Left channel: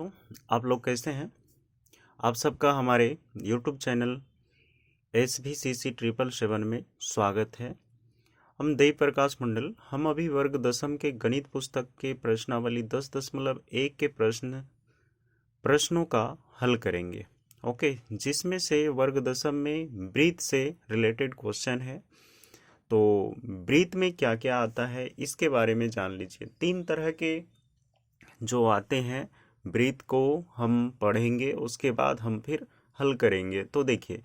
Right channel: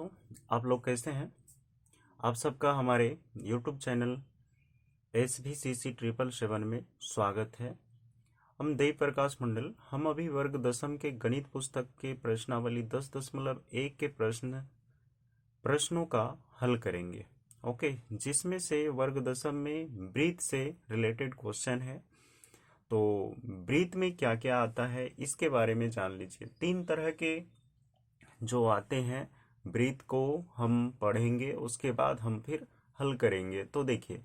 दोस्तों, आप लोग कैसे हैं। आप सबका हमारे YouTube चैनल SVCC 777 में स्वागत है। हम देव प्रकाश मंडल। हम अभी वर्ग दसम के गणित पुस्तक के प्रश्नावली 10.1 के प्रश्नों का हल करेंगे। ओके, जिसमें से वर्ग दसम में ब्रीथ से रिलेटेड क्वेश्चन है। तो ब्रीथ में क्या क्या आता है इसके बारे में जान लीजिए। 3 तरह के जो आते हैं ब्रीथ को हम पढ़ेंगे, उसके बाद हम फिर हल करेंगे। तो देखिए,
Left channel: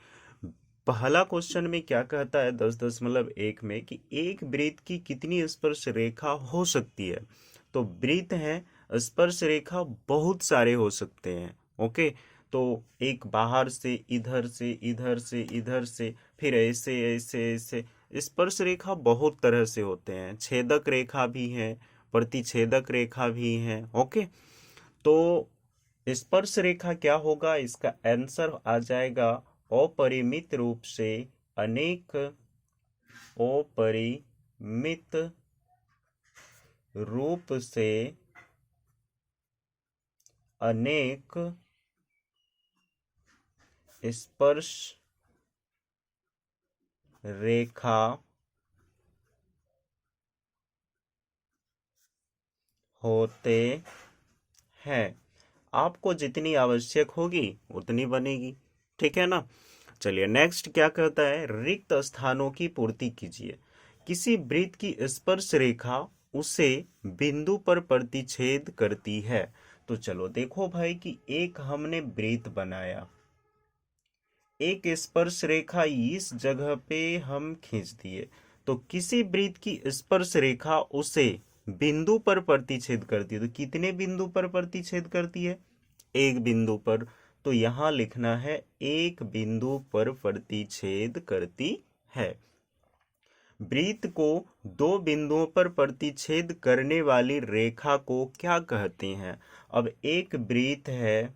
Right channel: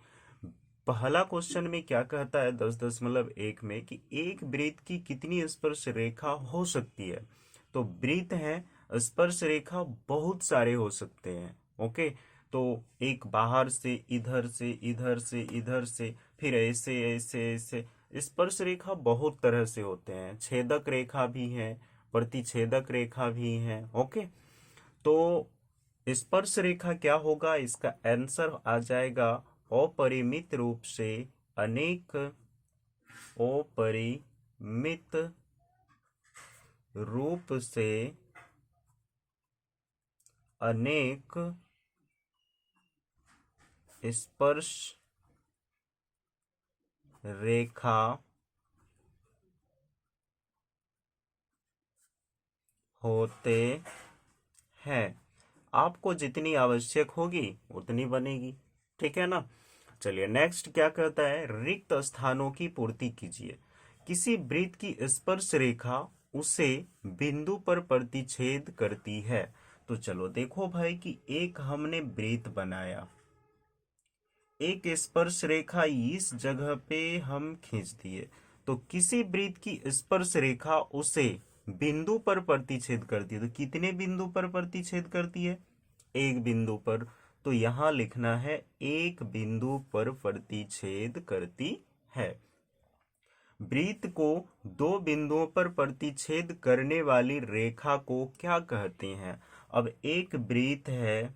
पहला क्वेश्चन में क्या कहता है 10.1 में कि एक ब्रीथ की कितनी स्पर्श रेखा हो सकती है। तो ब्रीथ है, स्पर्श रेखा बहुत सारे हो सकते हैं। ओके, तो एक बाहर से इधर से इधर से इधर से, फिर ऐसे ऐसे ऐसे स्पर्श रेखा बहुत तरह से होते हैं। छेदक रेखा भी है, प्रतिछेदक रेखा भी है। ओके, तो स्पर्श रेखा क्या होगा, इसका आंसर आ जाएगा अपरिमित रूप से अनेक, अपरिमित रूप से अनेक स्पर्श रेखा होते हैं। आपको जितनी आवश्यक होगी उतनी बनेगी, ठीक है ना। चलिए नेक्स्ट क्या कहता है, रिक्त स्थानों की पूर्ति कीजिए। किसी वृत्त की स्पर्श रेखा उसे बिंदु पर प्रतिच्छेद करती है। तो चलो देखो भाई कि एक हमने वृत्त बनाया, एक स्पर्श रेखा इस जगह पे हम खींच दिए। तो किसी वृत्त की स्पर्श रेखा उसे बिंदु पर प्रतिच्छेद करती है। तो कितने बिंदु पर प्रतिच्छेद करती है, एक बिंदु पर। तो यहां लिखना है एक बिंदु पर प्रतिच्छेद करती है। वृत्त को दो बिंदुओं पर प्रतिच्छेद करने वाली रेखा को क्या कहते हैं। अब एक वृत्त है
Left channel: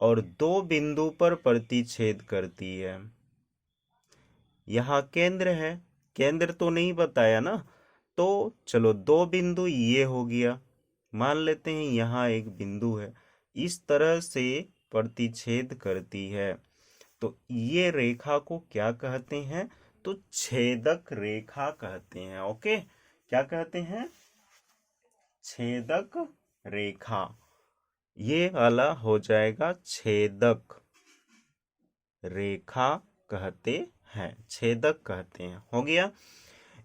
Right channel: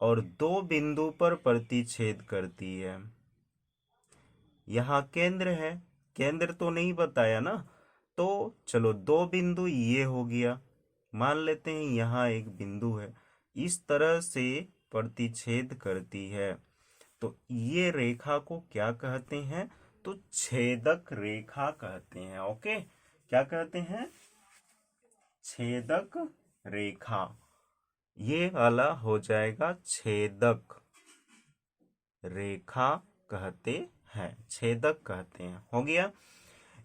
और दो बिंदु पर प्रतिच्छेद करती है। यहाँ केंद्र है, केंद्र तो नहीं बताया ना। तो चलो दो बिंदु ये हो गया, मान लेते हैं यहाँ एक बिंदु है, इस तरह से प्रतिच्छेद करती है। तो ये रेखा को क्या कहते हैं, तो छेदक रेखा कहते हैं। ओके, क्या कहते हैं, छेदक रेखा। ये वाला हो जाएगा छेदक रेखा कहते हैं, छेदक कहते हैं। हो गया।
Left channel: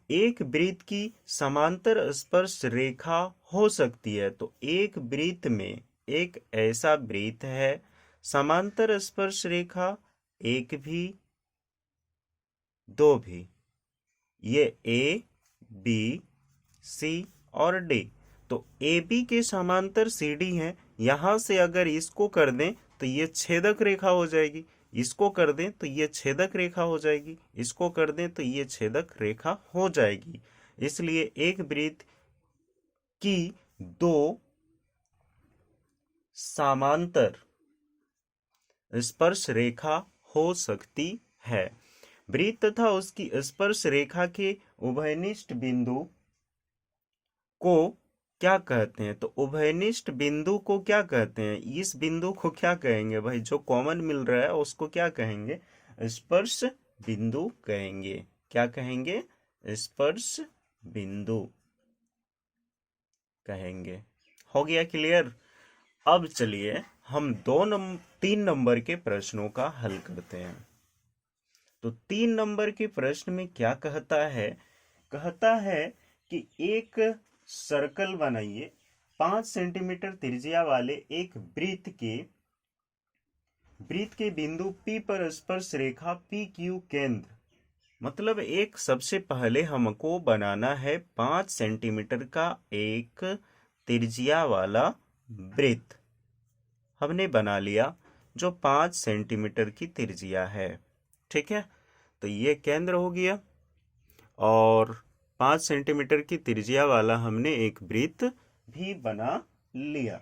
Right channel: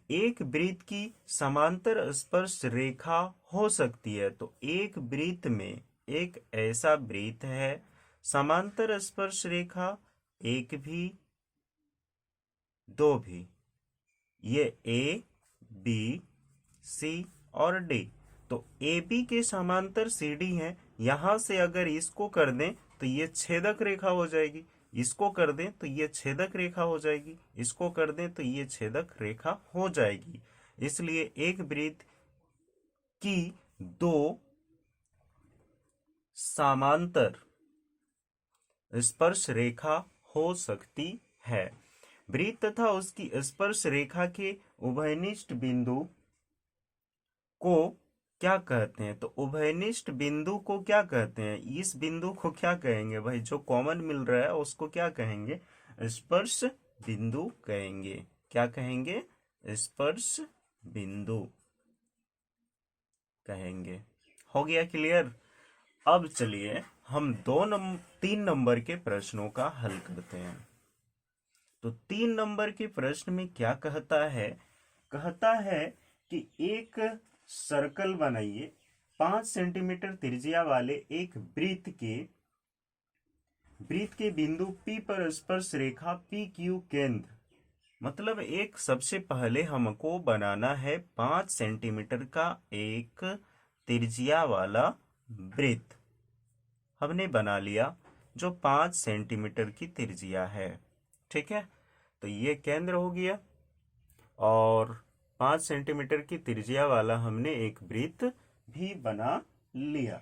एक वृत्त की समांतर स्पर्श रेखा हो सकती है। तो एक वृत्त में एक ऐसा वृत्त है, समांतर स्पर्श रेखा एक भी दो भी, ये ए बी सी और डी। तो ए बी के समांतर सी डी है। यहां से अगर इसको कर दें तो ये छेदक रेखा हो जाएगी, इसको कर दें तो ये छेदक रेखा हो जाएगी, इसको कर दें तो ये छेदक रेखा हो जाएगी। इसलिए एक वृत्त की दो समांतर स्पर्श रेखा हो सकती है। वृत्त तथा उसकी स्पर्श रेखा के उभयनिष्ठ बिंदु को क्या कहते हैं। तो उभयनिष्ठ बिंदु को क्या कहते हैं, इस बिंदु को क्या कहेंगे भाई, जो कॉमन मिल रहा है उसको क्या कहेंगे, स्पर्श बिंदु कहेंगे। क्या कहेंगे, स्पर्श बिंदु कहेंगे। हो गया क्लियर। अब चलिए हम 3 नंबर के प्रश्नों का हल करते हैं। तो 3 नंबर के प्रश्न में क्या कहता है कि एक सर्कल बनाइए, 5 सेंटीमीटर त्रिज्या वाले एक वृत्त के बिंदु P पर स्पर्श रेखा पी क्यू केंद्र। मतलब एक सबसे पहले हमको बनाना है 5 सेंटीमीटर का एक त्रिज्या वाला वृत्त। हमने बना लिया जो 5 सेंटीमीटर की त्रिज्या है, ठीक है। तो ये केंद्र हो गया और 5 सेंटीमीटर की त्रिज्या वाला हमने एक वृत्त भी बना लिया।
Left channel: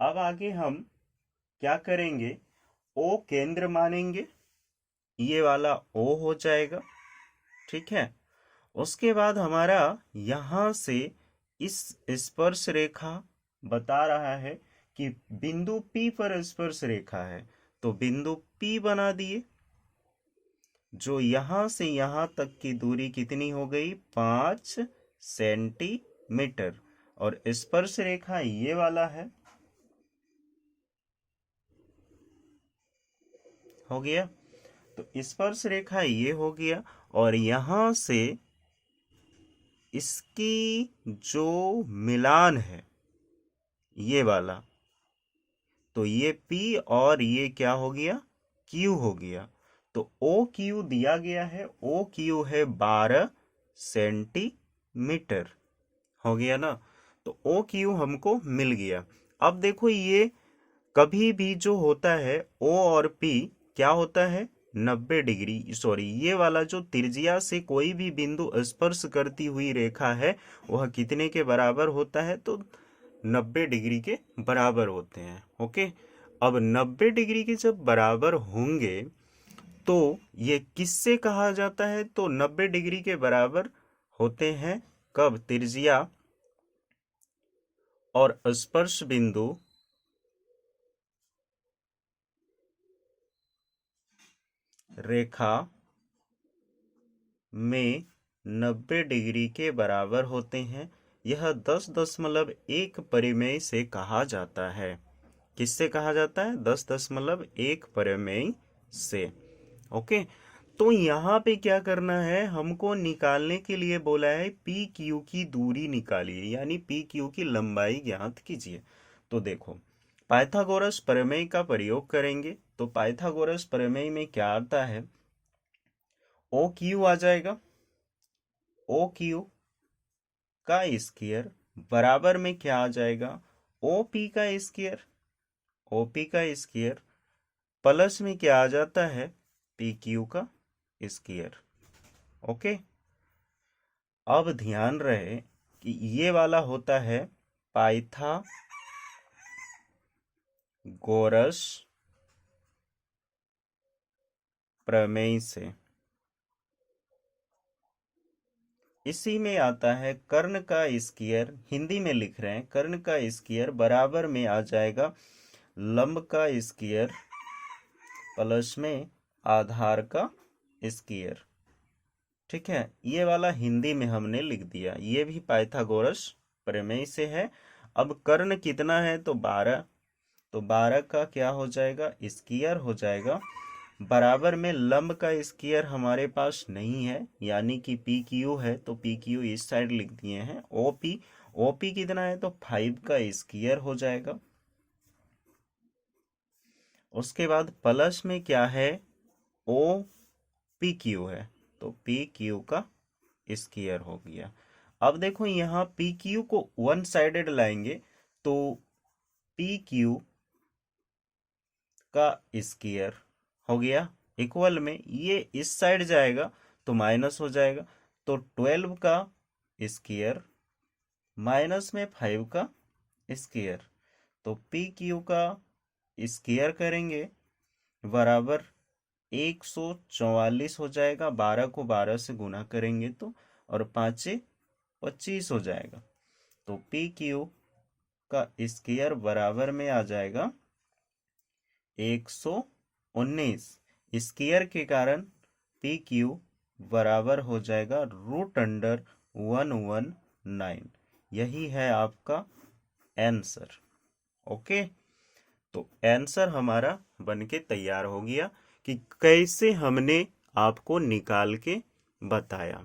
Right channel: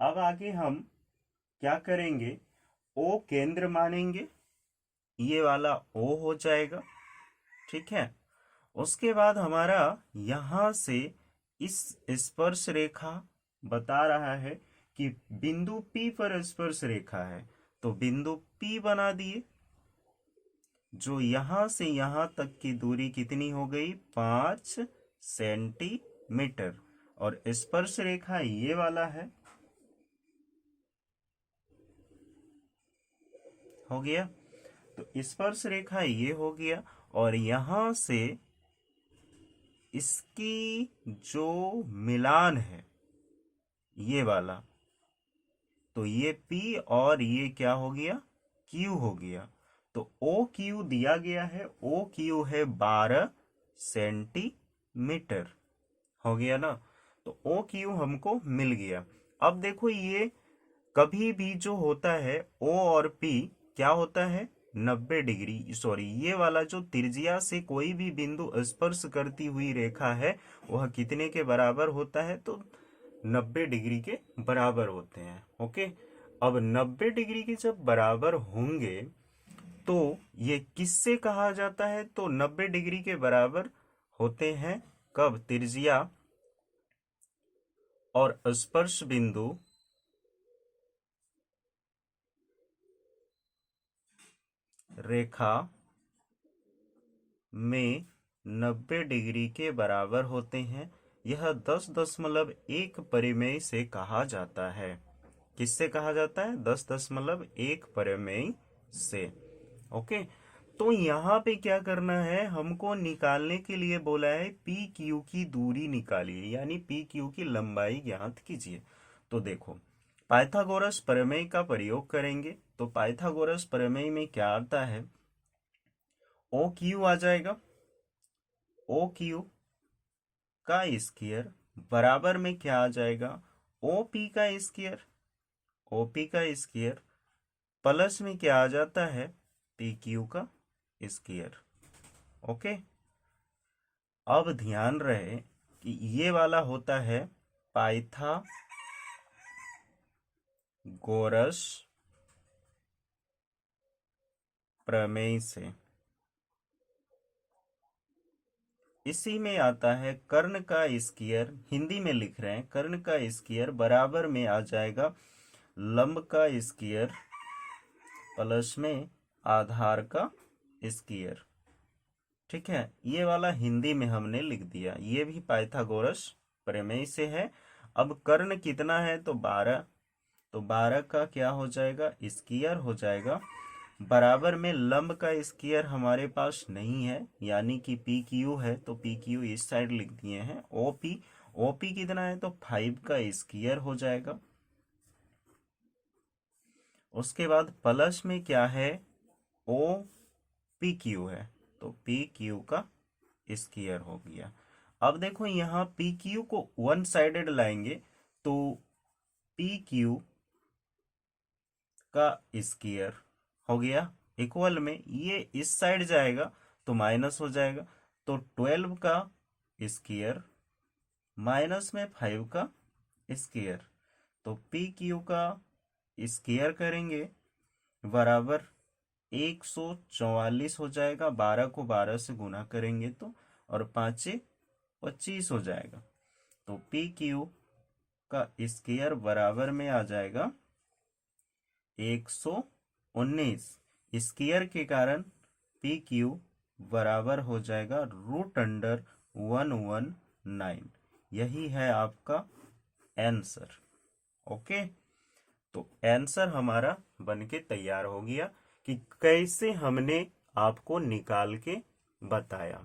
अब आगे हम क्या करेंगे, ओ केंद्र मानेंगे, ये वाला ओ हो जाएगा, ठीक है। उसके बाद हमारा यहां से इस स्पर्श रेखा बता रहा है कि बिंदु P पर स्पर्श रेखा है, तो बिंदु P बना दिए। जो यहां से यहां तक की दूरी कितनी हो गई? 5 सेंटीमीटर। और स्पर्श रेखा ये वाला है, हो गया। तो स्पर्श रेखा ये हो गया, और यहां से इसकी जो मिलान है ये वाला, तो ये P और ये क्या हो गया? Q हो गया। तो OQ दिया गया है, OQ है 12 सेंटीमीटर, हो गया ना। तो OQ हमको मिल गया। अब देखो, ये कभी भी जो होता है O और P क्या होता है? 90 डिग्री, सॉरी, ये वाला जो त्रिज्या से कोई भी बिंदु स्पर्श करती हुई रेखा है वह कितने के बराबर होता है? तो 90 डिग्री के बराबर होते हैं। ओके, अब 90 डिग्री के जब बराबर होंगे तो ये किससे कहा जाता है? तो 90 डिग्री के बराबर होते हैं कब? त्रिज्या और स्पर्श बिंदु रेखा में 90 डिग्री के बराबर होते हैं। यह 10.1 परिमेय से कहा जाता है। किससे कहा जाता है? 10.1 परिमेय से। ओके, तो यहाँ पे क्या करना है? हमको निकालने के लिए बोला है पी क्यू की दूरी निकालिए, यानी पी क्यू की लंबाई ज्ञात कीजिए। तो देखो, पाइथागोरस प्रमेय का प्रयोग करेंगे। तो पाइथागोरस प्रमेय में क्या आता है? ओ क्यू आ जाएगा, ओ क्यू का स्क्वायर बराबर में क्या आ जाएगा? ओ पी का स्क्वायर, ओ पी का स्क्वायर प्लस में क्या आ जाता है? पी क्यू का स्क्वायर। ओके, अब ध्यान रहे कि ये वाला होता है पाइथागोरस प्रमेय से। इसी में आता है कर्ण का स्क्वायर, हिंदी में लिख रहे हैं, कर्ण का स्क्वायर बराबर में आ जाएगा लंब का स्क्वायर प्लस में आधार का स्क्वायर। ठीक है, ये वाला हिंदी में हमने लिख दिया, ये भी पाइथागोरस प्रमेय से है। अब कर्ण कितना है? तो 12, तो 12 का क्या हो जाएगा? स्क्वायर हो जाएगा, बराबर में लंब का स्क्वायर हमारे पास नहीं है, यानी कि पी क्यू है, तो पी क्यू इस साइड लिख दिए हैं। ओपी, ओपी कितना है? तो 5 का स्क्वायर हो जाएगा। उसके बाद प्लस में क्या है? ओ पी क्यू है, तो पी क्यू का स्क्वायर हो गया। अब देखो, यहाँ पी क्यू को वन साइडेड लाएंगे, तो पी क्यू का स्क्वायर हो गया इक्वल में, ये इस साइड जाएगा तो माइनस हो जाएगा, तो 12 का स्क्वायर माइनस में 5 का स्क्वायर, तो पी क्यू का स्क्वायर करेंगे बराबर 144 हो जाएगा। 12 को 12 से गुना करेंगे तो, और 5 25 हो जाएगा, तो पी क्यू का स्क्वायर बराबर में आ जाएगा 119। स्क्वायर के कारण पी क्यू बराबर हो जाएगा √119। यही है आपका आंसर। ओके, तो आंसर हमारा बनके तैयार हो गया कि कैसे हमने आपको निकाल के बताया।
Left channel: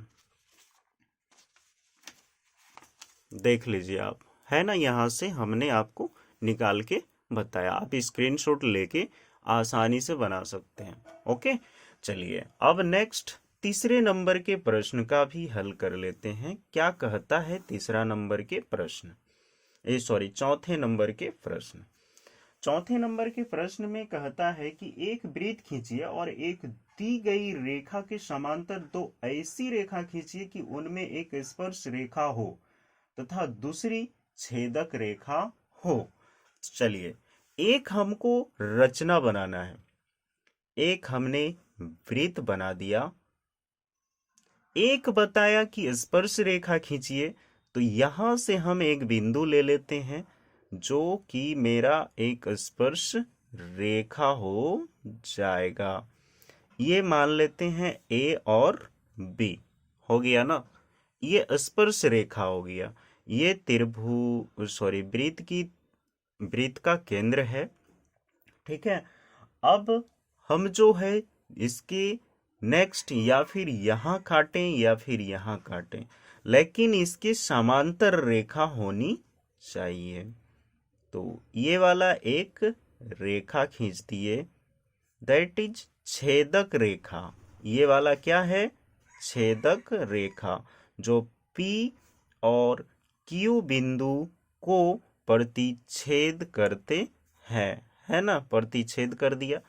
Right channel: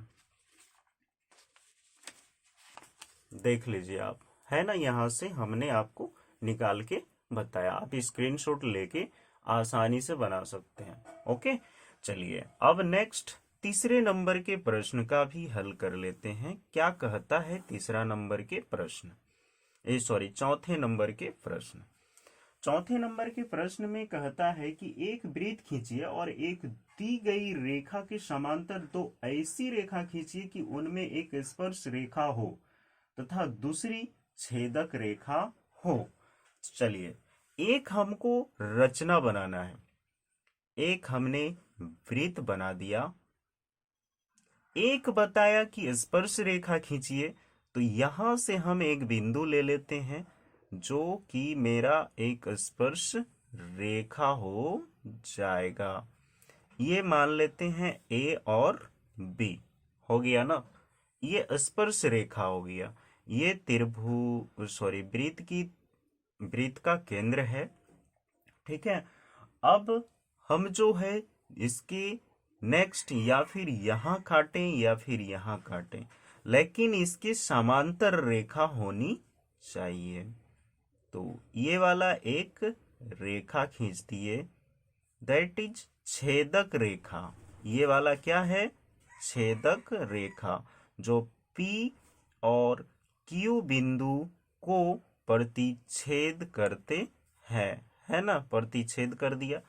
देख लीजिए आप, है ना, यहाँ से हमने आपको निकाल के बताया। आप स्क्रीनशॉट लेके आसानी से बना सकते हैं। ओके, चलिए अब नेक्स्ट तीसरे नंबर के प्रश्न का भी हल कर लेते हैं। क्या कहता है तीसरा नंबर के प्रश्न? चौथे नंबर के प्रश्न। चौथे नंबर के प्रश्न में कहता है कि एक वृत्त खींचिए और एक दी गई रेखा के समांतर दो ऐसी रेखा खींचिए कि उनमें एक स्पर्श रेखा हो तथा दूसरी छेदक रेखा हो। चलिए, एक हमको रचना बनाना है, एक हमने वृत्त बना दिया, एक बताया कि स्पर्श रेखा खींचिए। तो यहां से हम एक बिंदु ले लेते हैं, जो कि मेरा एक स्पर्श रेखा हो जाएगा। ये मान लेते हैं ए और बी, हो गया ना। ये स्पर्श रेखा हो गया। ये वृत्त का केंद्र है। ठीक है। अब हम जो है इसके नेक्स्ट या फिर यहाँ काटें या फिर यहाँ काटें, लेकिन इसकी समांतर रेखा होनी चाहिए। तो ये वाला एक रेखा खींच दिए, दैट इज छेदक रेखा। ये वाला क्या है? छेदक रेखा, जो P और Q बिंदु को प्रतिच्छेद करते हैं, है ना। प्रतिच्छेद कर दिया।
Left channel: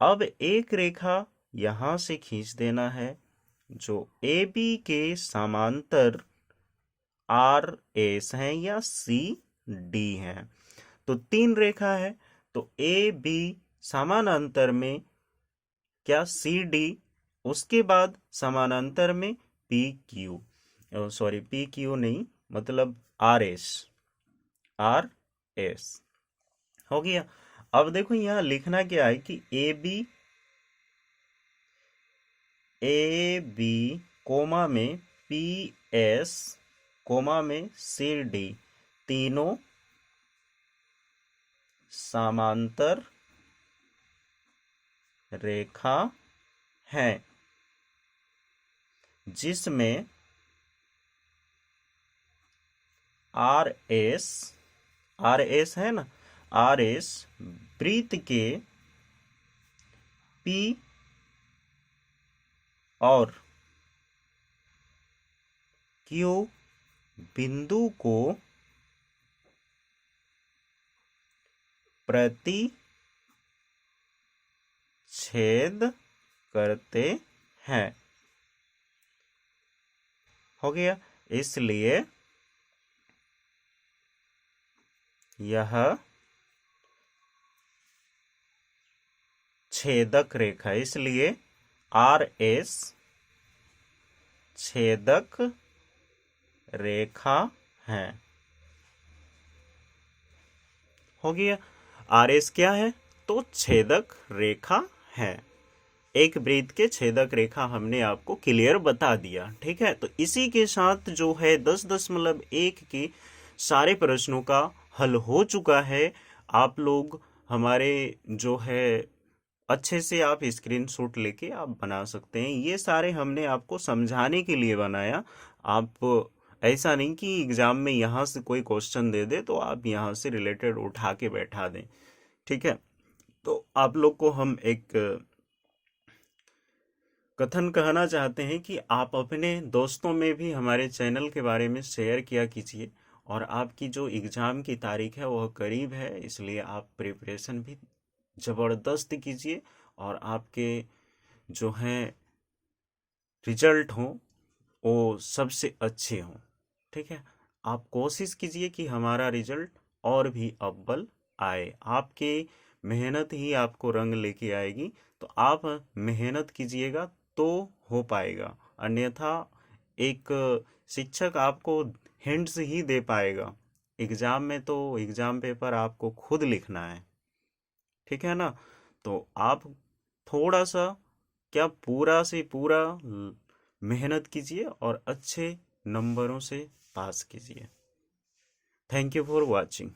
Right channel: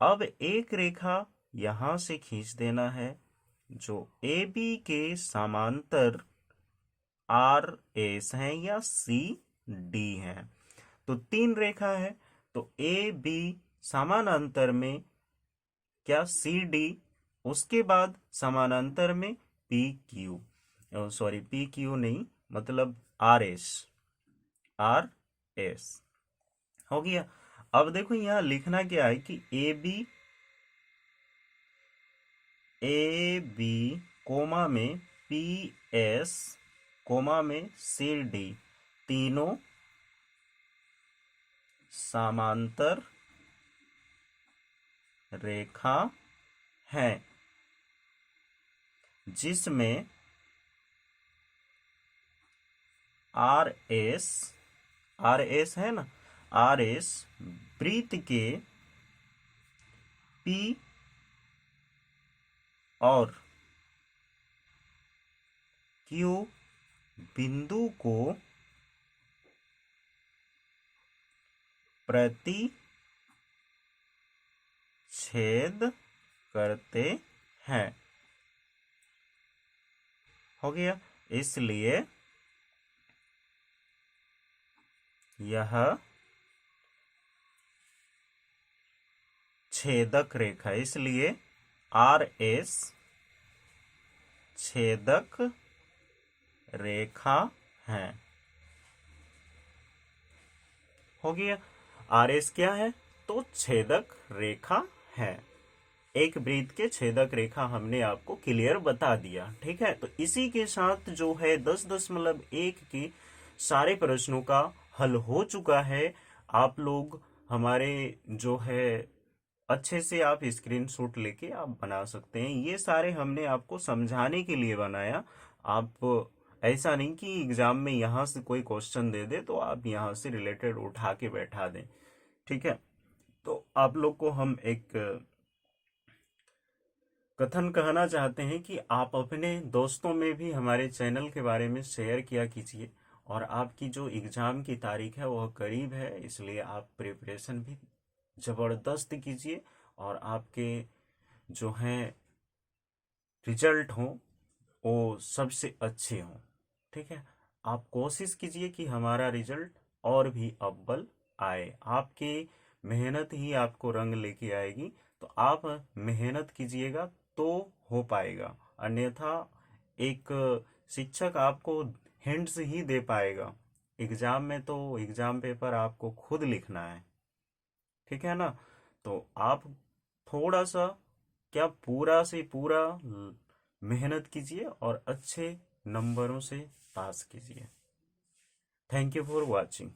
अब एक रेखा यहां से खींच देना है जो AB के समांतर RS है या CD है। तो 3 रेखा है, तो AB समानांतर में क्या CD, उसके बाद समानांतर में PQ, सॉरी PQ नहीं, मतलब RS हो गया। अब देखो यहाँ लिखना क्या है कि ए बी कोमा में PS कोमा में CD तीनों समांतर रेखा है, जिसमें RS है ना, RS वृत्त के P और Q बिंदु को प्रतिच्छेद करते हैं। हो गया। इसलिए यह छेदक रेखा, इसलिए RS छेदक रेखा है। हो गया। RS क्या है? तो छेदक रेखा है। एक वृत्त के छेदक रेखा हमने आपको क्लियर बता दिया। ठीक है। तो इसी के साथ जो है 10.1 के सारे प्रश्नों का हल हो चुका है। आप लोग हमारे जो है अच्छे से आप स्क्रीनशॉट लेके आप बना सकते हैं। ये सारे हमने आपको समझाने के लिए बनाया। आप ऐसा नहीं कि एग्जाम में यहाँ से कोई क्वेश्चन दे दे तो आप यहाँ से रिलेटेड उठा के बैठा दें। ठीक है। तो आप लोग को हम एक कथन कहना चाहते हैं कि आप अपने दोस्तों में भी हमारे चैनल के बारे में शेयर किया कीजिए। और आपकी जो एग्ज़ाम की तारीख है वह करीब है, इसलिए आप प्रिपरेशन भी ज़बरदस्त कीजिए और आपके जो हैं रिजल्ट हों वो सबसे अच्छे हों। ठीक है। आप कोशिश कीजिए कि हमारा रिजल्ट और भी अव्वल आए। आपके मेहनत ही आपको रंग लेके आएगी। तो आप मेहनत कीजिएगा तो हो पाएगा, अन्यथा एक शिक्षक आपको हिंट्स ही दे पाएगा। एग्जाम में तो एग्जाम पेपर आपको खुद लिखना है। ठीक है ना। तो आप थोड़ा सा क्या पूरा से पूरा मेहनत कीजिए और अच्छे नंबरों से पास कीजिए। Thank you for watching.